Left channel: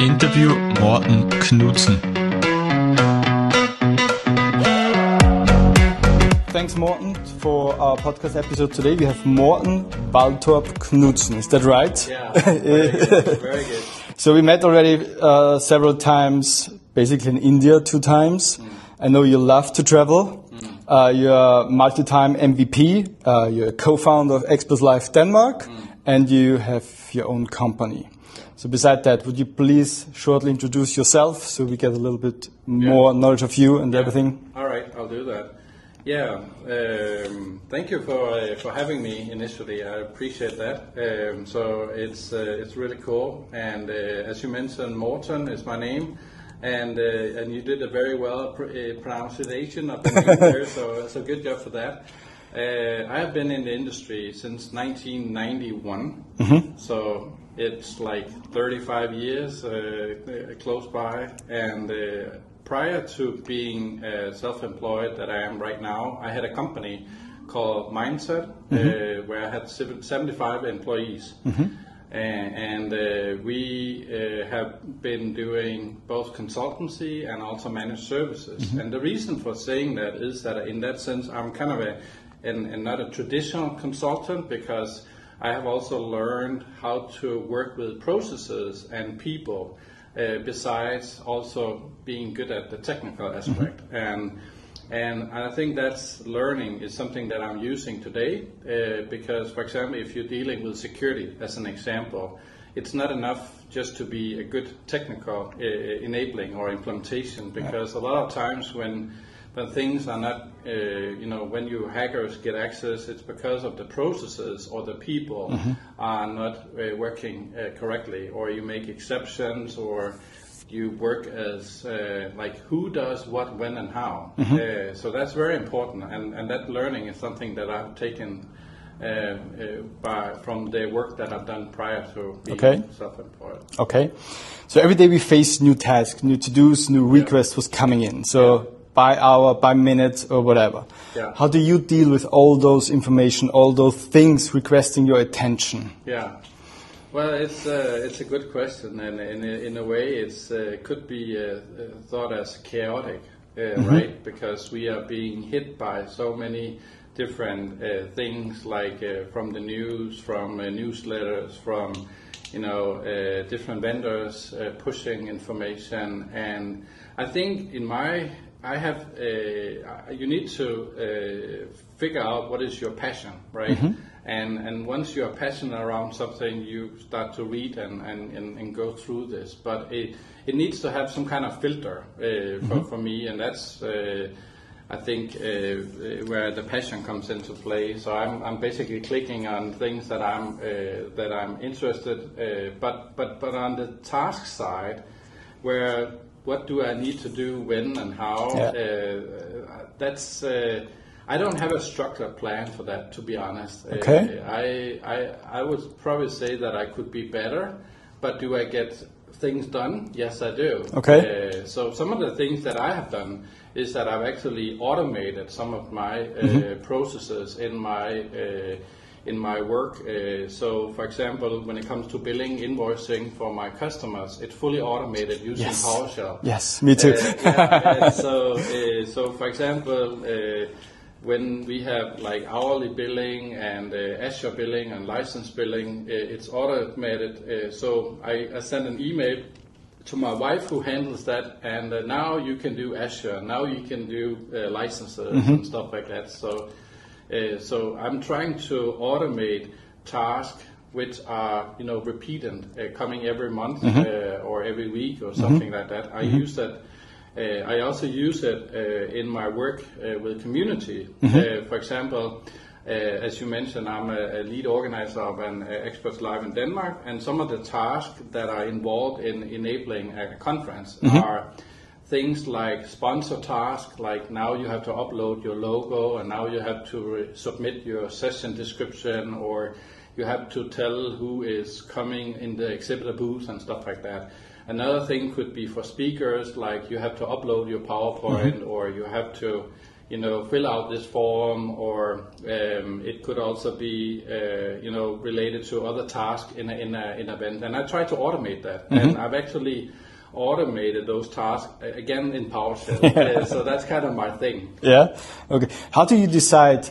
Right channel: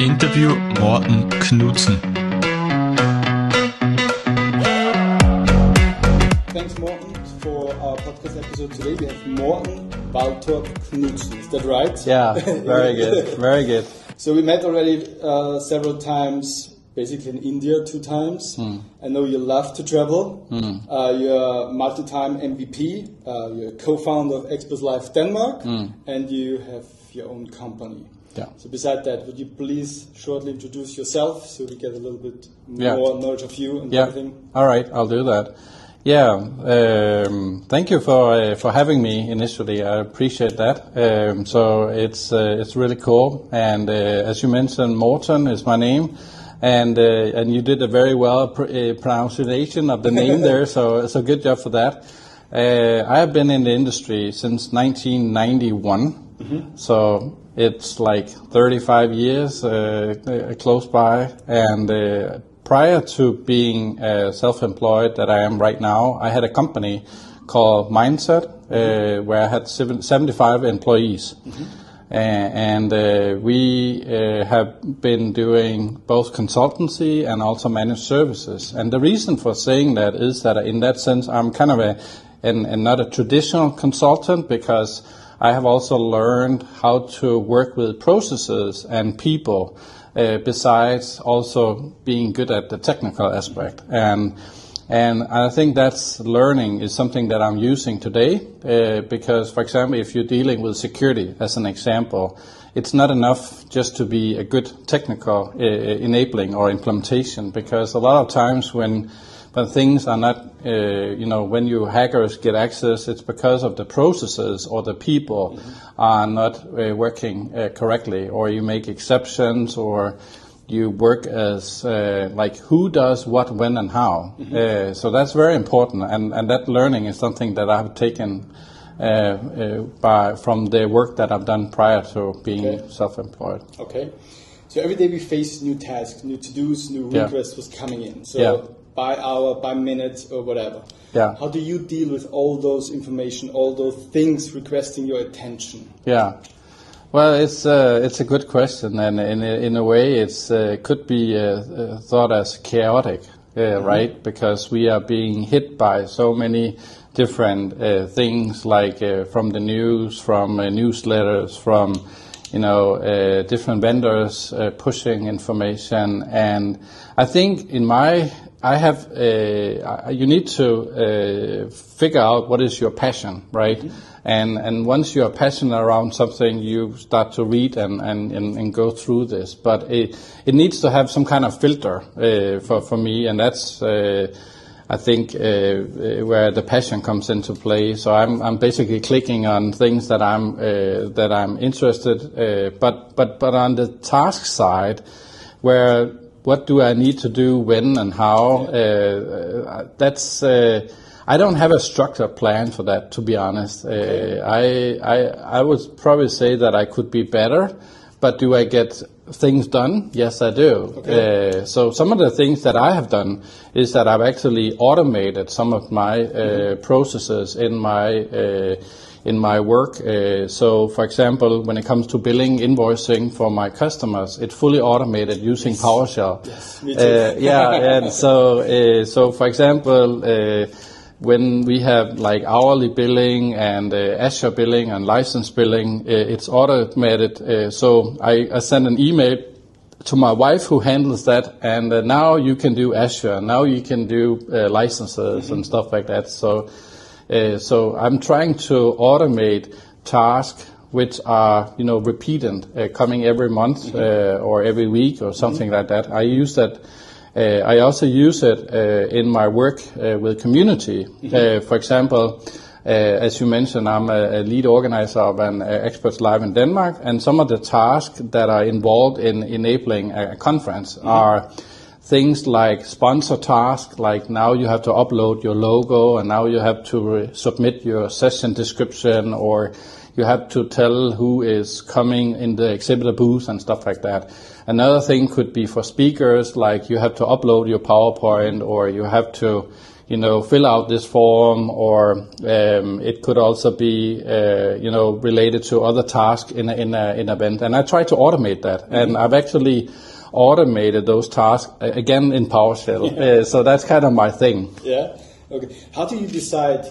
Interview Morten Knudsen. Thanks, Morten, for our podcast episode today. We have Morten Waltorp Knudsen. Is that right? Yeah, very good. Very good. So we met already several times, basically in India 2 times. I know you love to travel. You're a multi-time MVP. You're a co-founder of Express Life Denmark, and you have your own company. Yeah. So beside that, would you please shortly introduce yourself so we get a little bit more knowledge of you and everything? All right, I'll do that. Yeah, thank you for having me initially. I appreciate that. So it's really cool. And as you mentioned, Morten is my name. And you did a very well pronunciation of the name there, so good job for that. I have been in the industry since 1991, so it's like 35 years close by. And prior to being self-employed that I am right now, I had a company called Mindset, where I had 75 employees. And we have been doing both consultancy and also managed services. And the reason for saying that is that in that sense, I'm kind of not a traditional consultant, because I have also learned how to work with processes and people, besides also being good at the technical aspect. And I think that's learning is something that I'm using today, because, for example, if you're dealing with security, as an example, it's not enough just to be a good technical enabling or implementation, because a lot of times when things are not, when you hackers get access, it's because of the processes or the people are not working correctly, or you make exceptions, or you work as like who does what, when, and how. So that's very important, and that learning is something that I've taken from the work that I've done prior to being self-employed. Okay. So every day we face new tasks, new to-dos, new requests was coming in. So by hour, by minute, or whatever. Yeah. How do you deal with all those information, all those things requesting your attention? Yeah. Well, it's a good question, and in a way, it's could be thought as chaotic, right? Because we are being hit by so many different things, like from the news, from newsletters, from different vendors pushing information, and I think you need to figure out what is your passion, right? And once you are passionate around something, you start to read and go through this. But it needs to have some kind of filter for me, and that's I think where the passion comes into play. So I'm basically clicking on things that I'm interested. But on the task side, where what do I need to do, when, and how? That's I don't have a structured plan for that, to be honest. Okay. I would probably say that I could be better, but do I get things done? Yes, I do. Okay. So some of the things that I have done is that I've actually automated some of my processes in my work. So, for example, when it comes to billing, invoicing for my customers, it's fully automated using PowerShell. Yes, me too. And so for example, when we have like hourly billing and Azure billing and license billing, it's automated. So I send an email to my wife who handles that, and now you can do Azure, now you can do licenses and stuff like that. So I'm trying to automate tasks which are repeated, coming every month or every week or something like that. I use that. I also use it in my work with community. For example, as you mentioned, I'm a lead organizer of an Experts Live in Denmark, and some of the tasks that are involved in enabling a conference are things like sponsor tasks, like now you have to upload your logo, and now you have to submit your session description, or you have to tell who is coming in the exhibitor booth and stuff like that. Another thing could be for speakers, like you have to upload your PowerPoint, or you have to fill out this form, or it could also be, related to other tasks in an event. And I try to automate that, and I've actually automated those tasks again in PowerShell. So that's kind of my thing. Yeah. Okay. How do you decide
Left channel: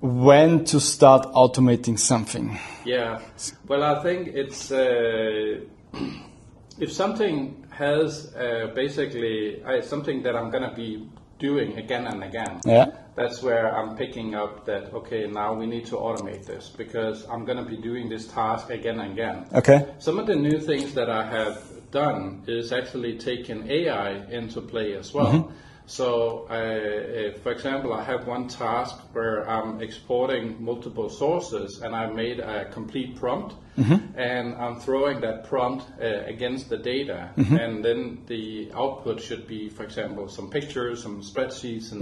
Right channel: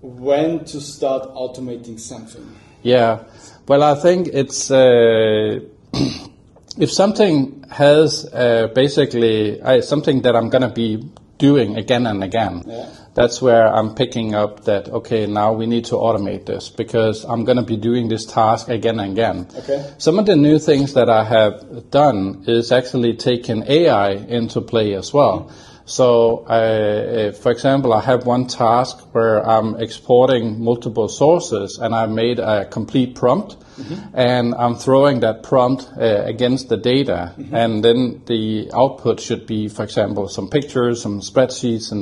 when to start automating something? Yeah. Well, I think it's if something has basically something that I'm going to be doing again and again, that's where I'm picking up that, okay, now we need to automate this because I'm going to be doing this task again and again. Okay. Some of the new things that I have done is actually taking AI into play as well. So, for example, I have one task where I'm exporting multiple sources, and I made a complete prompt, and I'm throwing that prompt against the data, and then the output should be, for example, some pictures, some spreadsheets,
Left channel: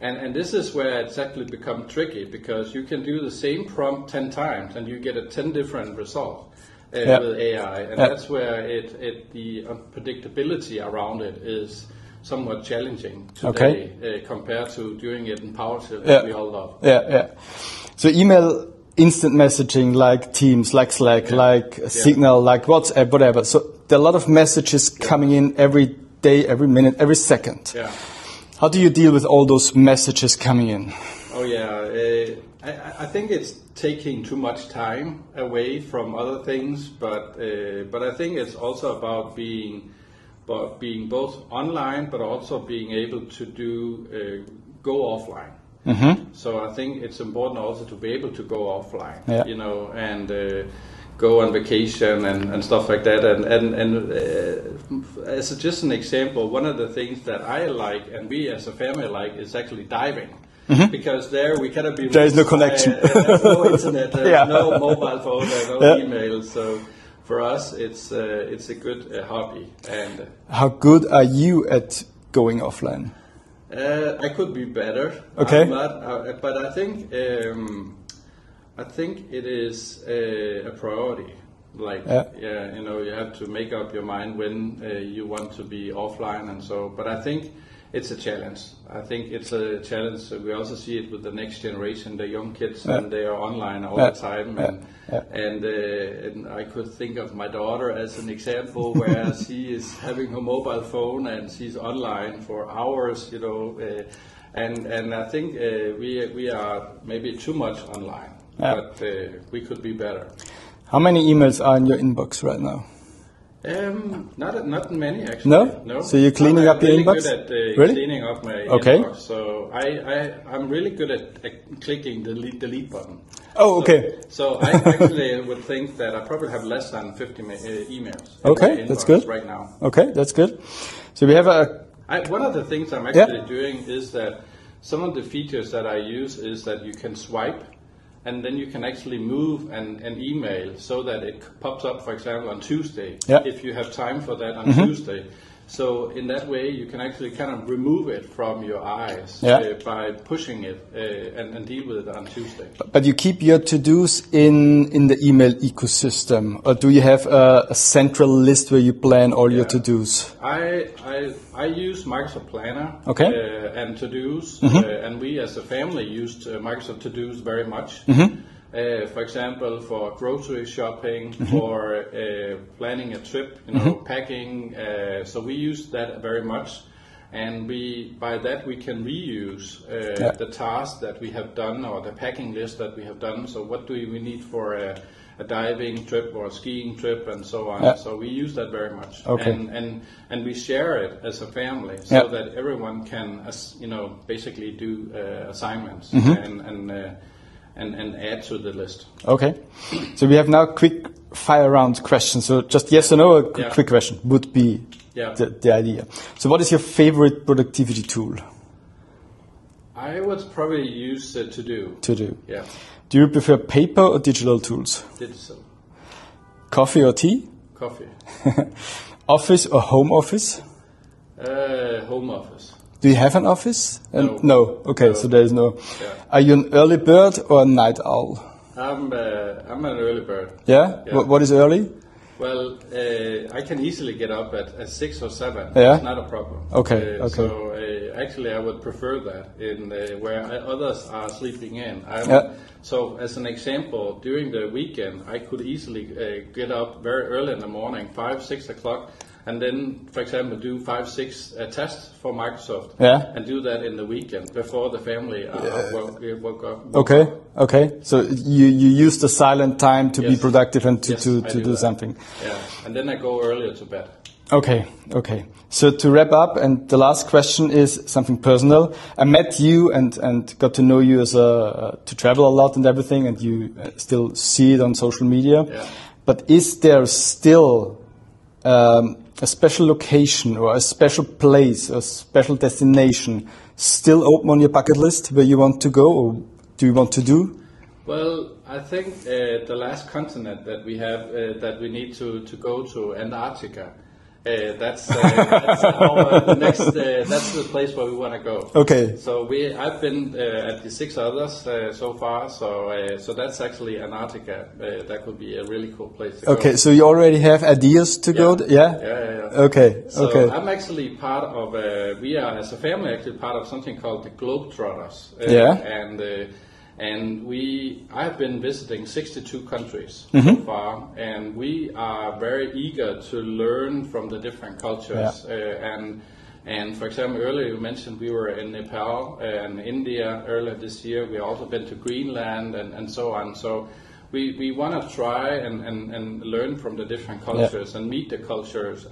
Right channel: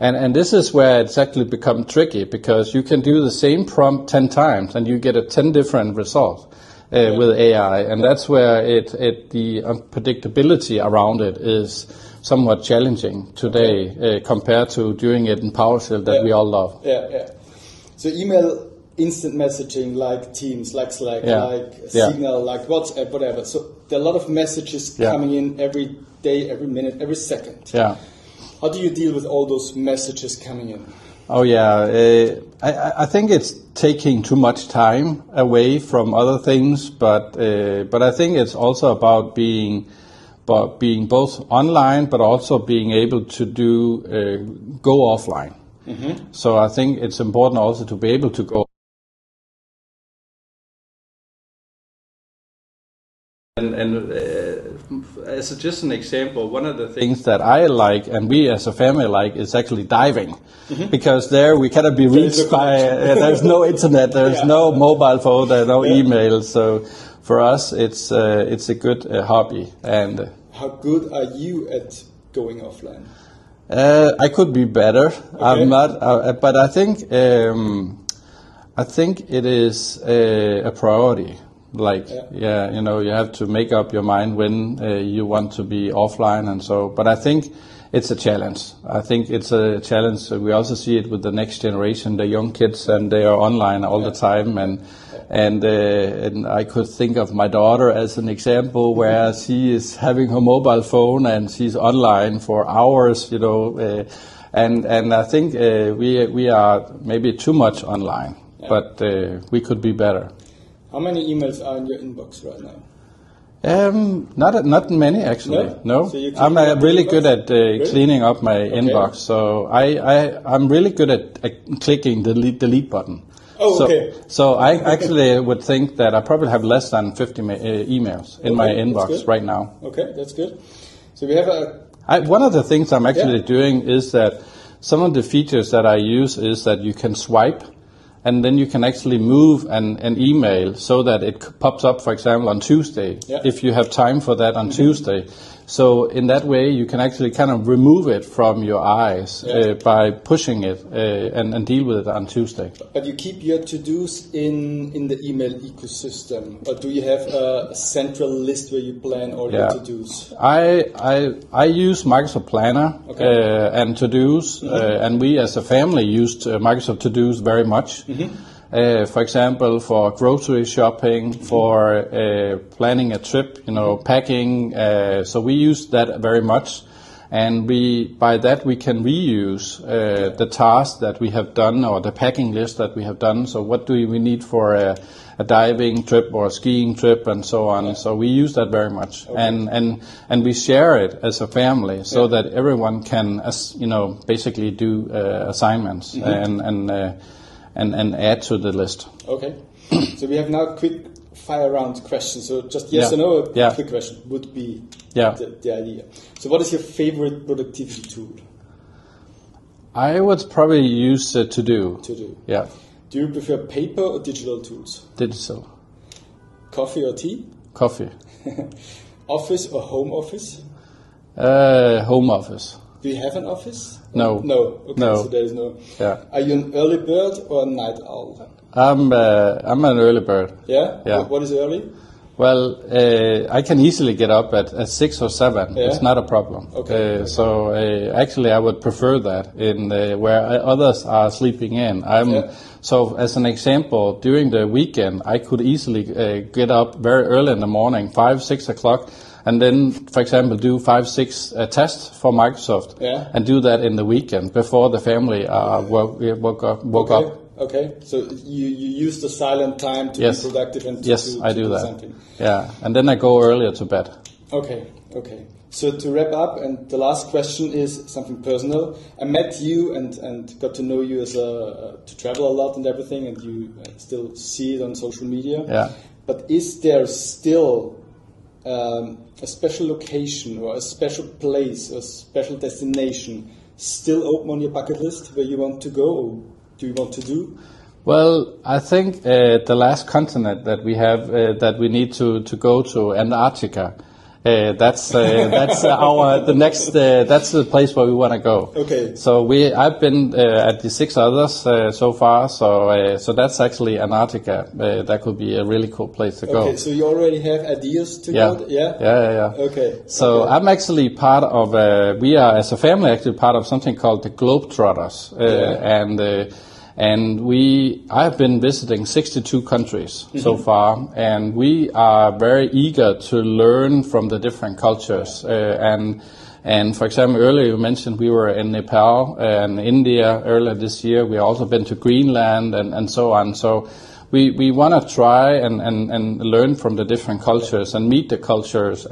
and this is where it's actually become tricky, because you can do the same prompt 10 times, and you get 10 different results with AI, and that's where the unpredictability around it is somewhat challenging today compared to doing it in PowerShell that we all love. So email, instant messaging like Teams, like Slack, like Signal, like WhatsApp, whatever. So there are a lot of messages coming in every day, every minute, every second. How do you deal with all those messages coming in? Oh yeah, I think it's taking too much time away from other things, but I think it's also about being both online, but also being able to go offline. So I think it's important also to be able to go offline, and go on vacation and stuff like that. And as just an example, one of the things that I like and we as a family like is actually diving, because there we cannot be reached. There's no connection. There's no internet. There's no mobile phone. There's no email. So for us, it's a good hobby. And how good are you at going offline? I could be better. Okay. I'm not, but I think it is a priority. Like, you have to make up your mind when you want to be offline and so. But I think it's a challenge. I think it's a challenge. We also see it with the next generation, the young kids, and they are online all the time. And I could think of my daughter as an example where she is having her mobile phone and she's online for hours, and I think we are maybe too much online, but we could be better. How many emails are in your inbox right now? Not many actually. No. So you're cleaning up really inbox? good at cleaning up my inbox. So I'm really good at clicking the delete button. Oh, okay. So I actually would think that I probably have less than 50 emails in my inbox right now. Okay, that's good. So we have one of the things I'm actually doing is that some of the features that I use is that you can swipe, and then you can actually move an email so that it pops up, for example, on Tuesday, if you have time for that on Tuesday. So in that way, you can actually kind of remove it from your eyes by pushing it and deal with it on Tuesday. But you keep your to-dos in the email ecosystem, or do you have a central list where you plan all your to-dos? I use Microsoft Planner and to-dos, and we as a family used Microsoft to-dos very much. For example, for grocery shopping, for planning a trip, packing. So we use that very much, and by that we can reuse the tasks that we have done or the packing list that we have done. So what do we need for a diving trip or a skiing trip and so on? So we use that very much, and we share it as a family so that everyone can, basically do assignments and add to the list. Okay. So we have now quick fire round questions. So just yes or no, a quick question would be the idea. So what is your favorite productivity tool? I would probably use To-Do. To-Do. Yeah. Do you prefer paper or digital tools? Digital. Coffee or tea? Coffee. Office or home office? Home office. Do you have an office? No. No. Okay, no. so there is no. Yeah. Are you an early bird or a night owl? I'm an early bird. Yeah? Yeah. What is early? Well, I can easily get up at 6 or 7. Yeah? It's not a problem. Okay. So actually, I would prefer that in where others are sleeping in. So as an example, during the weekend, I could easily get up very early in the morning, 5, 6 o'clock, and then, for example, do 5, 6 tests for Microsoft, and do that in the weekend before the family woke up. Okay. So you use the silent time to be productive and to do something. Yeah, and then I go earlier to bed. Okay. So to wrap up, and the last question is something personal. I met you and got to know you as to travel a lot and everything, and you still see it on social media. Yeah. But is there still a special location or a special place or special destination still open on your bucket list where you want to go or do you want to do? Well, I think the last continent that we have that we need to go to, Antarctica. That's the next. That's the place where we want to go. Okay. So I've been at the 6 others so far. So that's actually Antarctica. That could be a really cool place to go. Okay. So you already have ideas to go? Yeah. Okay. So I'm actually part of. We are as a family actually part of something called the Globetrotters. And I've been visiting 62 countries so far, and we are very eager to learn from the different cultures. And for example, earlier you mentioned we were in Nepal and India earlier this year. We also been to Greenland and so on. So we want to try and learn from the different cultures and meet the cultures.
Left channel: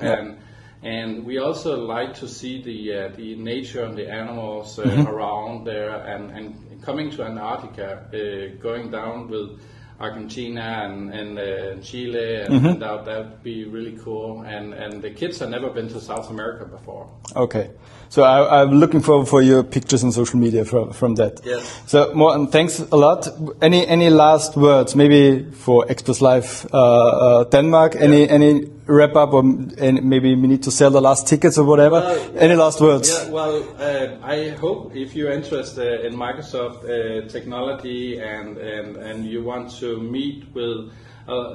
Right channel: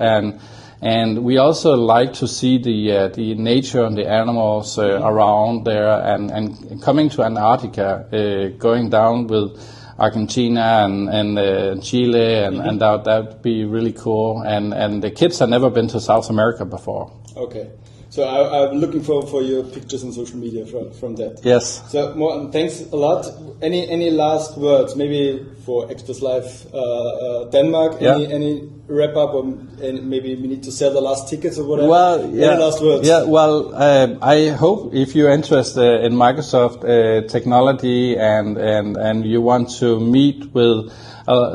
And we also like to see the nature and the animals around there, and coming to Antarctica, going down with Argentina and Chile, and that would be really cool. And the kids have never been to South America before. Okay. So I'm looking forward for your pictures on social media from that. Yes. So Morten, thanks a lot. Any last words, maybe for Express Life Denmark? Any wrap up, or maybe we need to sell the last tickets or whatever? Well, any last words? Yeah. Well, I hope if you're interested in Microsoft technology and you want to meet with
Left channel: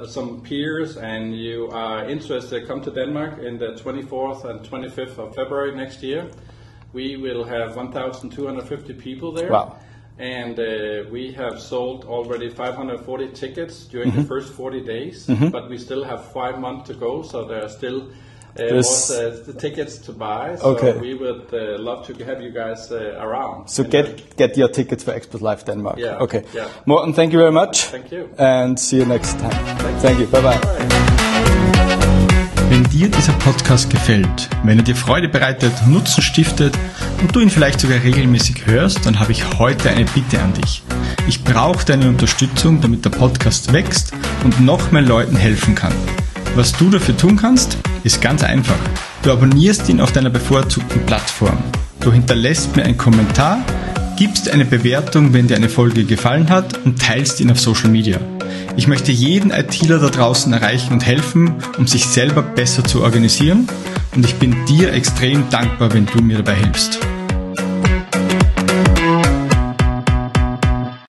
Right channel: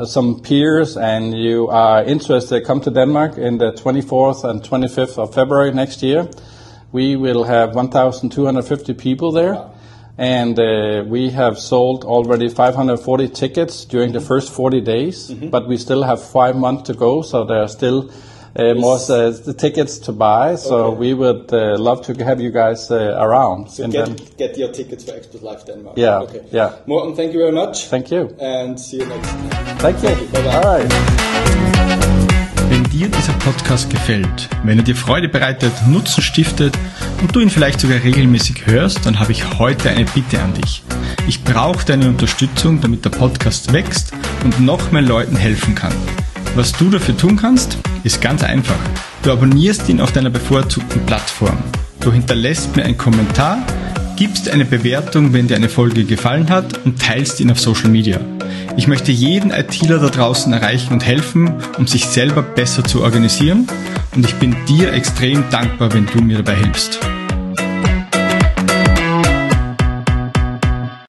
some peers and you are interested, come to Denmark in the 24th and 25th of February next year. We will have 1,250 people there. Wow. And we have sold already 540 tickets during the first 40 days, but we still have 5 months to go, so there are still more tickets to buy. So we would love to have you guys around. So get your tickets for Express Life Denmark. Yeah. Okay. Yeah. Morten, thank you very much. Thank you. And see you next time. Thank you. Bye-bye. Wenn dir dieser Podcast gefällt, wenn er dir Freude bereitet, Nutzen stiftet und du ihn vielleicht sogar regelmäßig hörst, dann habe ich heute eine Bitte an dich. Ich brauche deine Unterstützung, damit der Podcast wächst und noch mehr Leuten helfen kann. Was du dafür tun kannst, ist ganz einfach. Du abonnierst ihn auf deiner bevorzugten Plattform. Du hinterlässt mir einen Kommentar, gibst eine Bewertung, wenn dir eine Folge gefallen hat, und teilst ihn auf Social Media. Ich möchte jeden ITler da draußen erreichen und helfen, um sich selber besser zu organisieren, und ich bin dir extrem dankbar, wenn du mir dabei hilfst.